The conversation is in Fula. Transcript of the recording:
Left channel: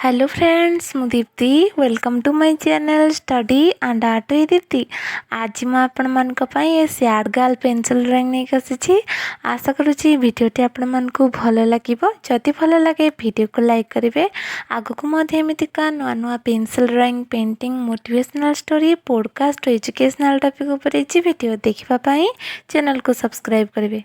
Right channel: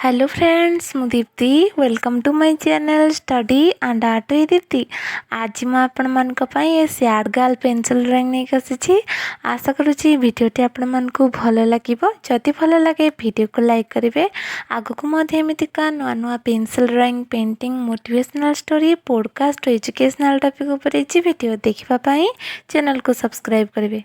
Hello friends, मु Deepti welcome to my channel study and art with Deepti. आज मैं आपण मान ये सैड गर्ल पेंसिल ड्राइंग नहीं आसी। आशा करुँची भिडियोटी आपण मानकु भल लगे। जदि भल लगे वीडियो को लाइक करेंगे। आगक एमतीका नुआ नुआ pencil drawing painting motivational story podcast educational topic उपर भिडियो देखापी चैनल को सब्सक्राइब करेंगे।